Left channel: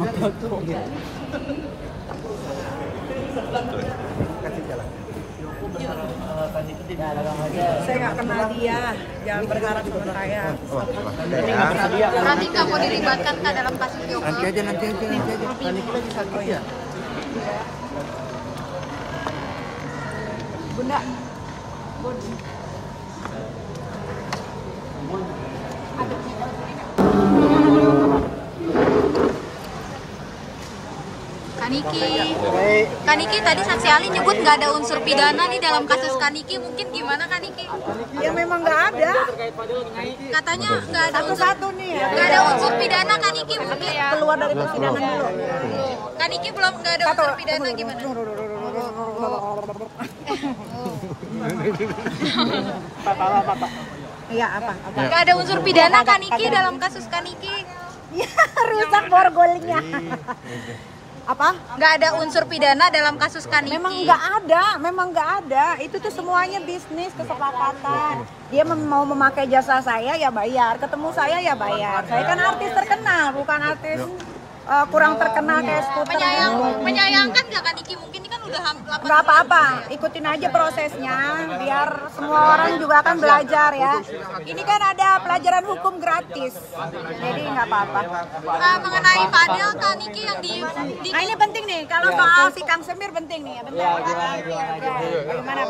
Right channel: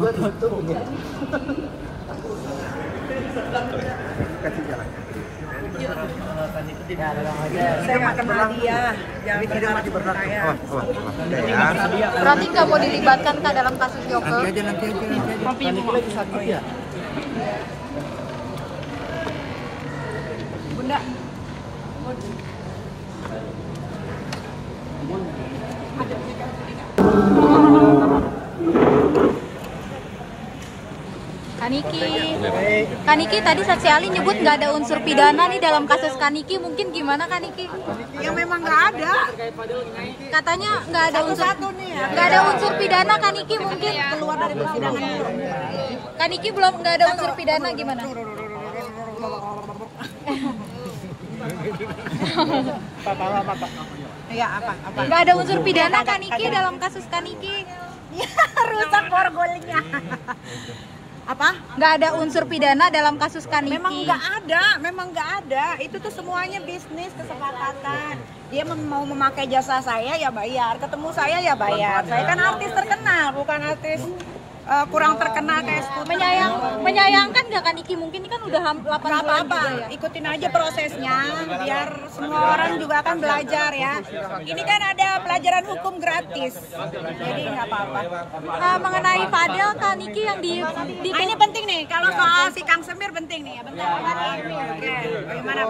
Saya nggak kenal dia, jangan berharap saya. Berarti nggak mau dilibatkan Kak dalam kasus Joko? Nanti aja. Oh ya. Bunda. Kaniki tadi saksi ahli nyebut nggak ada unsur pidana nih dalam kasus Kaniki, mungkin gimana Kaniki? Ya memang nggak ada. Katanya nggak ada Satu-satu nih ya. nggak ada unsur pidana Kaniki, mungkin Keluar dari persidangan dulu. Kaniki belum nggak ada unsur pidana gimana? Iya apa? Nggak ada unsur pidana Kaniki dalam kasus Kaniki. Ya rusak borgolnya. Apa? Nggak ada unsur pidana dalam kasus Kaniki. Memang nggak ada. Itu tuh semuanya bisnis kesepakatan. Dia mau memakai jasa saya ya bayar, ketemu saya ya bayar. Saya kan artis terkenal, bukan artis kurang terkenal kayak Skuter. Menyayangkan nggak Kaniki? Mungkin kan udah 8 bulan. Nggak apa-apa, ikutin aja prosesnya, biar semua orang juga akan belajar ya. Ini kan ada pelajaran hukum gratis, jadi nggak apa-apa. Mengenai Fadel Kaniki yang di Nah, ini penting nih, kalau soal si Kang Semir penting nih ya. Bentar. Oke, bagaimana?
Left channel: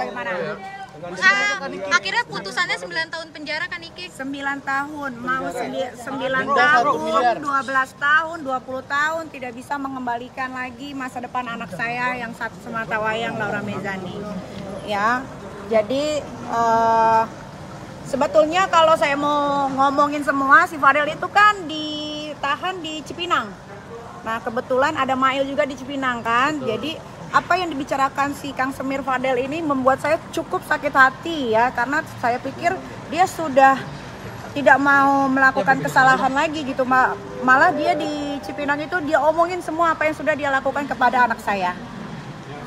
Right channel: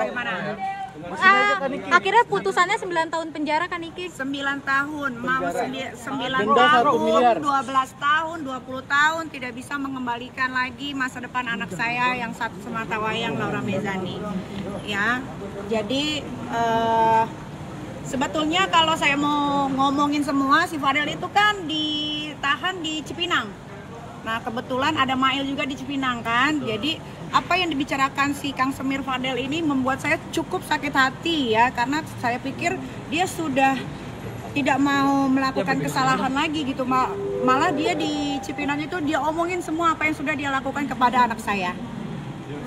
Akhirnya putusannya 9 tahun penjara Kaniki. 9 tahun, mau 9 tahun, 12 tahun, 20 tahun tidak bisa mengembalikan lagi masa depan anak saya yang satu semata wayang, Laura Mezani. Ya, jadi sebetulnya kalau saya mau ngomongin semua, si Fadel itu kan ditahan di Cipinang. Nah kebetulan ada Mail juga di Cipinang kan, jadi apa yang dibicarakan si Kang Semir Fadel ini membuat saya cukup sakit hati ya, karena saya pikir dia sudah tidak mau melakukan kesalahan lagi gitu, malah dia di Cipinang itu dia omongin semua apa yang sudah dia lakukan kepada anak saya,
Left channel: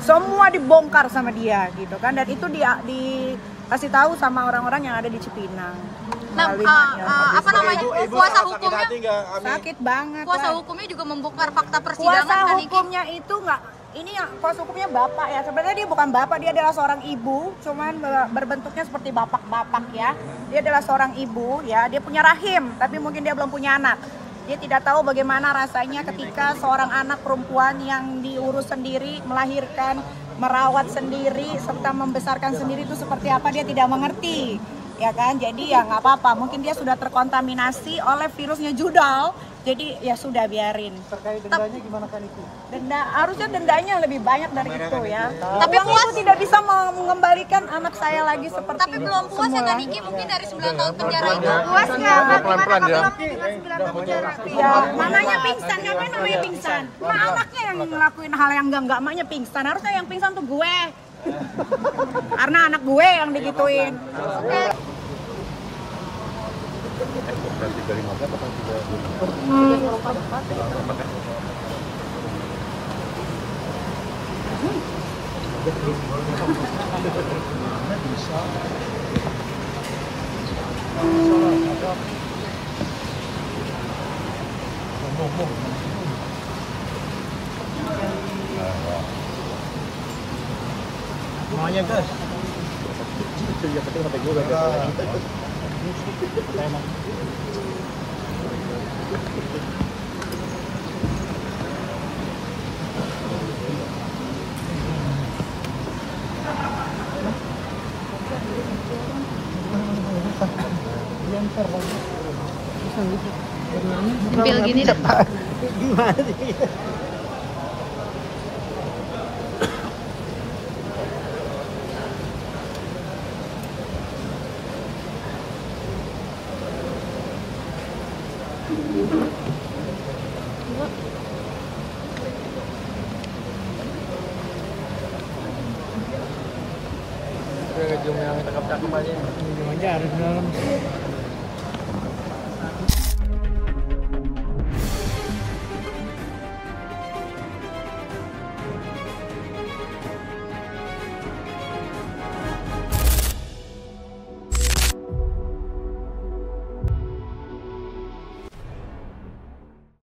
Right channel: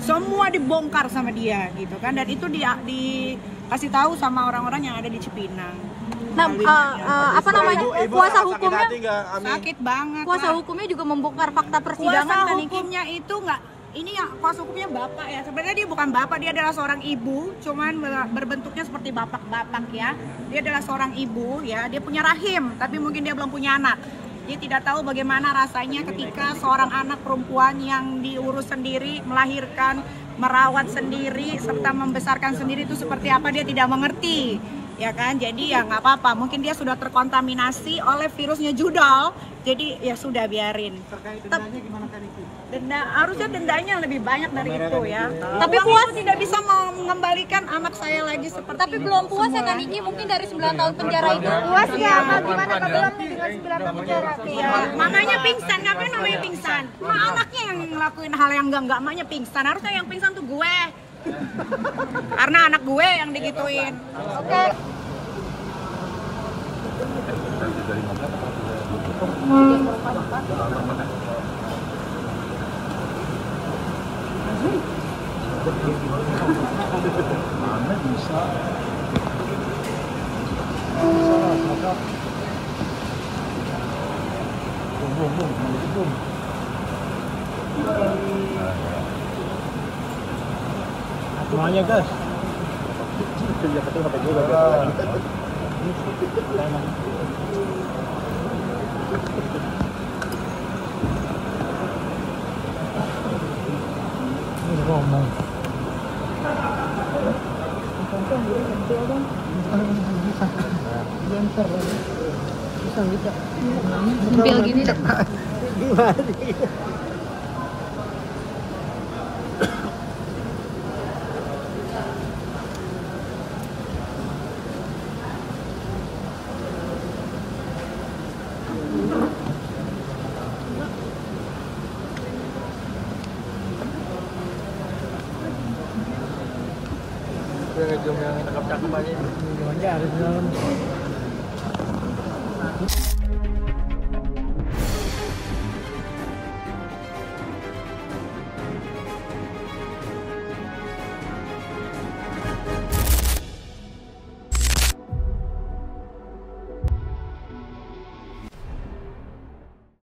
semua dibongkar sama dia gitu kan, dan itu dia dikasih tahu sama orang-orang yang ada di Cipinang. Nah, apa namanya, kuasa hukumnya sakit banget. Kuasa hukumnya juga membongkar fakta persidangan. Kuasa hukumnya itu nggak, ini ya kuasa hukumnya bapak ya. Sebenarnya dia bukan bapak, dia adalah seorang ibu, cuman berbentuknya seperti bapak-bapak ya. Dia adalah seorang ibu ya, dia punya rahim, tapi mungkin dia belum punya anak. Dia tidak tahu bagaimana rasanya ketika seorang anak perempuan yang diurus sendiri, melahirkan, merawat sendiri, serta membesarkan sendiri itu seperti apa, dia tidak mengerti. Ya kan, jadi ya nggak apa-apa, mungkin dia sudah terkontaminasi oleh virusnya judal, jadi ya sudah biarin. Terkait dendanya gimana kan itu? Harusnya dendanya lebih banyak dari itu ya. Tapi puas tidak bisa mengembalikan anak saya lagi seperti. Tapi belum puas ya Kaniki, mungkin dari 9 tahun penjara itu. Puas ya? Gimana belum dengan 9 tahun penjara? Ya, mamanya pingsan, ngapain namanya pingsan? Anaknya yang ngelakuin hal yang enggak, mamanya pingsan. Harusnya yang pingsan tuh gue. Karena anak gue yang digituin. Semuanya guys. Itu dia betul kata gue. Sempil gini dok. Gimana sih? Minum aja, harus minum.